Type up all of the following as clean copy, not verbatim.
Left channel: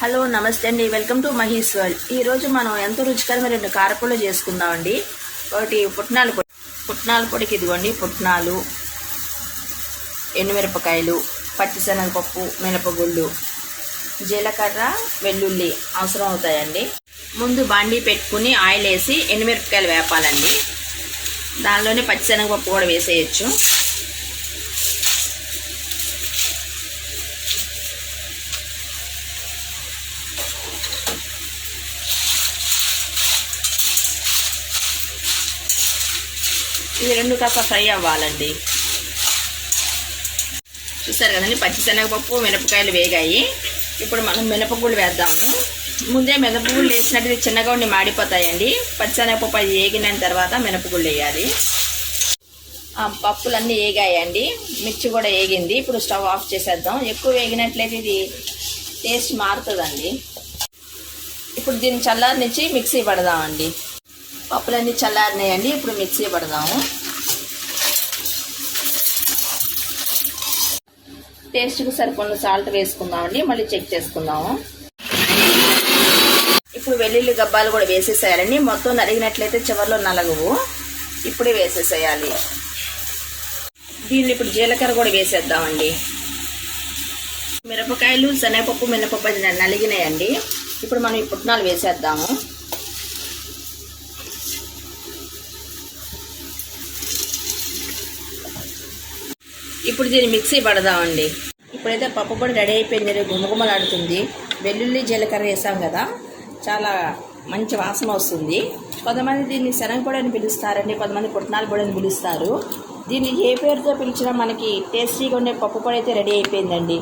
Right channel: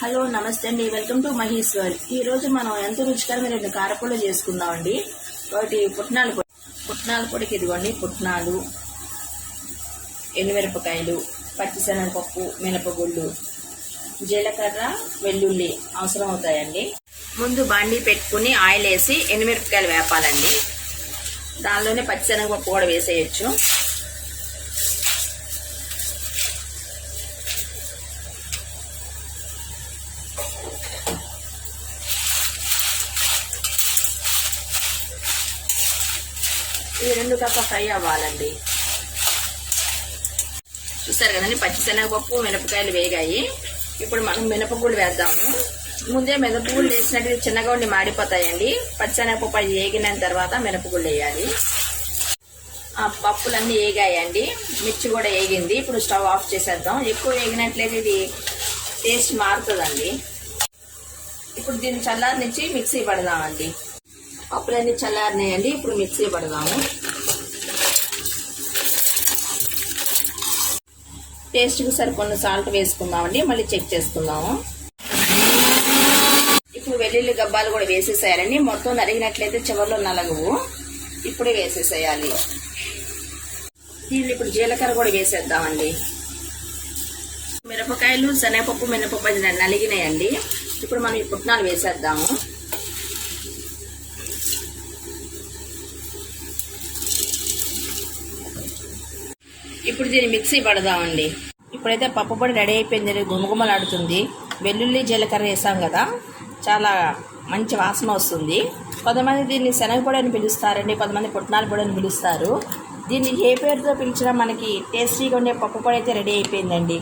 Hello నమస్తే అండి, welcome to Maheshwar. ఈరోజు మనం ఎంతో రుచికరమైన 2 కారపొళ్ళు చేసుకుందామండి. ఒకటి పుట్నాల పొడికి ఇదిగోండి పుట్నాలు, ఎండుమిరపకాయలు, పచ్చిశనగపప్పు, మినపగుళ్ళు, జీలకర్ర, వెల్లుల్లి అవసరం అవుతాయండి. ముందు బాండీ పెట్టుకుని ఆయిల్ వేసి ఎండుమిరపకాయలు వేపాలండి. దానిలోనే పచ్చిశనగపప్పు కూడా వేసేయచ్చు. ఇది 2 కప్ప ఫ్రై అవ్వాలండి. చూస్తారు కదండి, పచ్చిశనగపప్పు మినపకాయలు వేగాయి. ఇప్పుడు మనం మినపగుళ్ళు వేద్దాము. ముందే మినపగుళ్ళు వేసినట్టు చిన్నగా ఉండి మాడిపోతాయండి. పచ్చిశనగపప్పు అది వేగిన తర్వాత మినపగుళ్ళు వేయాలి. ఆ పప్పులన్నీ వేగాయండి, మిర్చి కూడా వేగింది. ఇప్పుడు స్టవ్ ఆఫ్ చేసేద్దాం. ఎక్కువ వేగినట్లయితే ఇది టేస్ట్ మారుతుందండి. ఇప్పుడు దీన్ని చల్లారనిచ్చి మిక్సీ పడదామండి. పప్పులన్నీ చల్లారినాయండి, ఇప్పుడు మిక్సీ పడదాము. టేస్ట్కి సరిపడిన సాల్ట్ వేసుకుందామండి, మళ్ళీ చెక్ చేసుకుందాము. ఇప్పుడు వెల్లుల్లి గబ్బాలు కూడా వేసేసేయాలండి. మొత్తం నలిగినట్లయితే చివరిలో నలగవు. ఇప్పుడే వేసేసేయాలి. దీన్ని ఇప్పుడు జీలకర్ర కూడా వేసేద్దామండి. మిరపకాయలు, శనగపప్పు, మినపప్పు నలిగినాయండి. ఇప్పుడు మనం ఈ పుట్నాలు వేసేద్దాము. ఇప్పుడు దీన్ని మిక్సీ పడదామండి. ఇప్పుడైతే పప్పు పొడి రెడీ అయిపోయింది, గుమగుమలాడుతుంది. వెల్లుల్లి జీలకర్ర వేసాం కదా, చాలా మంచి వాసన వస్తుంది. కొంతమంది దీన్ని శనగపొడి అని పిలుస్తారండి, కొంతమంది పుట్నాల పొడి అని పిలుస్తారు. దీన్ని ఏ పేరుతో పిలిచినా మనకి టేస్టీగా ఉండే పప్పు పొడి అయితే రెడీ అయిపోయిందండి.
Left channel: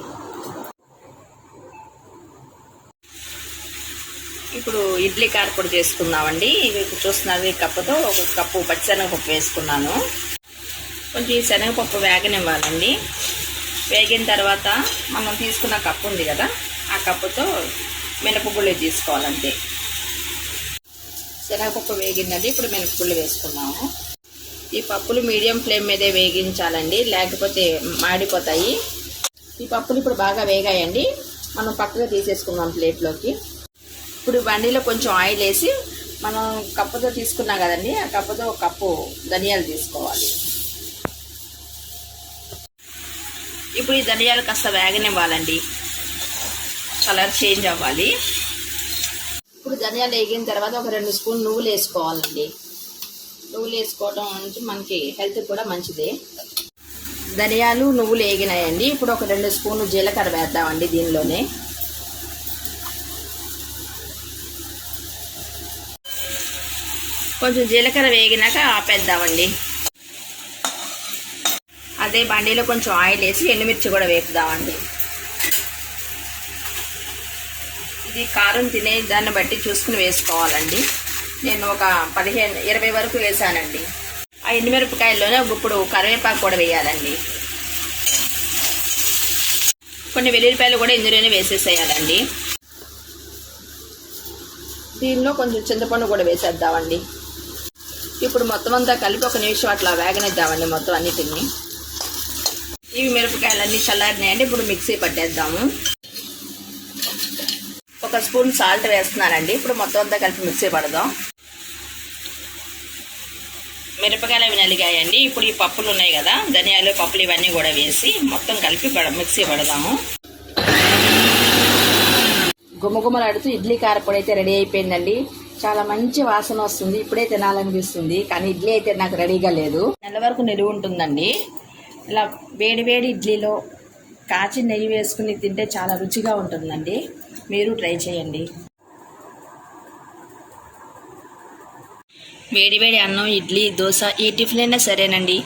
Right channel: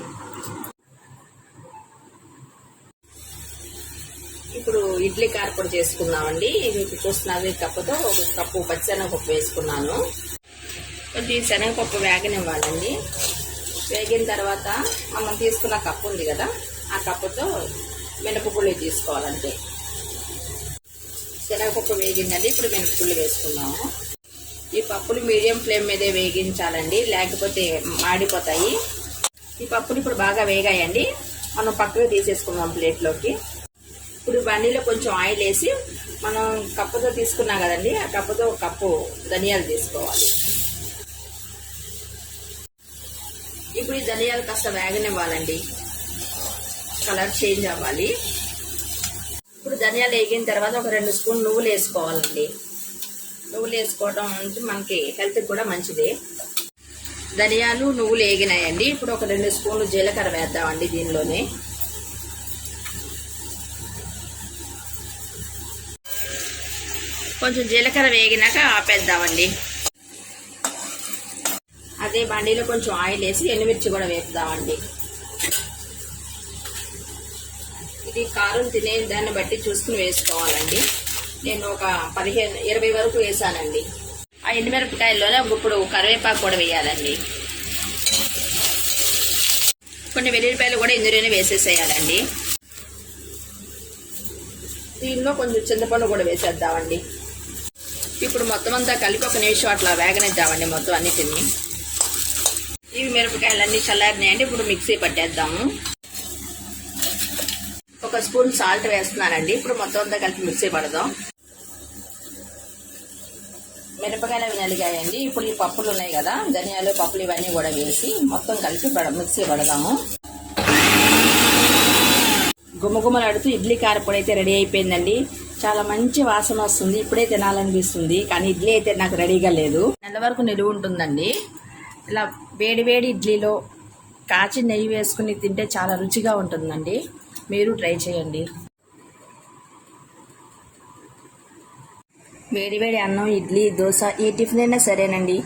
ఇప్పుడు ఇడ్లీ కారపొడి చేసుకుందామండి. ఇవి చూస్తున్నారు, ఈ కప్పుతో 1 కప్పు పచ్చిశనగపప్పు వేసుకున్నాను. కొంచెం శనగపప్పు వేగనివ్వాలండి. వేగిన తర్వాత మనం తీసుకున్న కప్పు ఉంది కదా, ఆ కప్పుతో మినపగుళ్ళు తీసుకోవాలంటే. శనగపప్పు వేగిందండి, ఇప్పుడు మినపగుళ్ళు వేసుకున్నాము. ఈ పప్పులు మీడియం ఫ్లేమ్ మీదే వేగించాలండి, లేకపోతే మాడిపోతాయి. ఈ పప్పులు ఇప్పుడు బాగా వేగాయండి, మనం పక్కగా తీసేసుకుందాం ప్లేట్లోకి. ఇప్పుడు బండిలో కొంచెం ఆయిల్ వేసి మనం కప్పుతో తీసుకున్నాం కదండి, ఆ కప్పుతో 1 కప్పు ధనియాలు తీసుకోవాలి. ఇప్పుడు ఈ ధనియాలు కాస్త వేగనివ్వాలండి, కలర్ చేంజ్ అవ్వాలి. ఇప్పుడు ధనియాలు వేగిన తర్వాత ఒక 2 స్పూన్లు నువ్వులు వేసుకోవాలండి. నువ్వులు వేసుకోవడం నుంచి మనకి హెల్త్కి కూడా మంచిది. ధనియాలు, నువ్వులు వేగినాయండి. ఇప్పుడు ఒక 2 స్పూన్లు జీలకర్ర వేద్దామండి దీనిలోనే. కొంచెం జీలకర్ర వేగినాక ఆపేద్దామండి. అదే బండిలో కొంచెం ఆయిల్ వేసి ఎండుమిర్చి కూడా వేపుదామండి. ఇది కారం తినే దాన్ని బట్టి చూసుకుని వేసుకోవాలండి. నేను ఒక 15-20 వరకు వేసానండి. ఆ ఎండుమిరపకాయల్లోనే ఇప్పుడు కరివేపాకు కూడా వేయాలండి. కొన్ని వెల్లుల్లిపాయలు కూడా ఇందులోనే వేసేసేయాలండి. దీనిలో కొంచెం చింతపండు కూడా వేసేద్దామండి. ఇప్పుడు మొత్తం అంతా కలిపి 1 నిమిషం అట్లా వేగనిద్దామండి మొత్తం అన్నిటిని. ఇవి మిరపకాయలన్నీ చల్లారినాయండి, ఇప్పుడు మిక్సీ పట్టేద్దాము. 1 స్పూన్ సాల్ట్ వేస్తున్నానండి. ఇప్పుడు మొత్తం అంతా కలిపి మిక్సీ పడదాం. మిరపకాయలు అవి నలిగాయండి. ఇప్పుడు ఈ పప్పులు ఉన్నాయి కదా, ధనియాలు, పప్పులు ఇవన్నీ కూడా వేసి మొత్తం కలిపి మిక్సీ పడదాము. గుమగుమలాడుతూ ఇడ్లీ కారపొడి అయితే రెడీ అయిపోయిందండి. చాలా మంచి వాసన వస్తుంది. ఇప్పుడే తినాలనిపిస్తుంది, కానీ ఇడ్లీ అయితే నాకు రెడీగా లేదు. నెల వరకు నిలువ ఉంటుందండి. ఇలా వేడి వేడి ఇడ్లీలో కాచి నెయ్యి వేసుకుని తింటే చాలా రుచిగా ఉంటుందండి. మీరు ట్రై చేయండి. వేడి వేడి అన్నం, ఇడ్లీ, దోశ ఏ టిఫిన్ అయినా సరేనండి,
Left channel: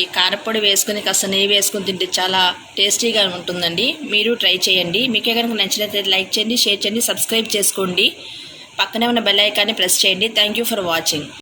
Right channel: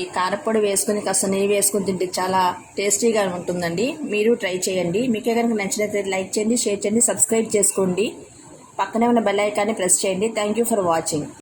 ఈ కారపొడి వేసుకుని కాస్త నెయ్యి వేసుకుని తింటే చాలా టేస్టీగా ఉంటుందండి. మీరు ట్రై చేయండి. మీకే కనుక నచ్చినట్లయితే లైక్ చేయండి, షేర్ చేయండి, సబ్స్క్రైబ్ చేసుకోండి. పక్కనే ఉన్న బెల్ ఐకాన్ని ప్రెస్ చేయండి. Thank you for watching.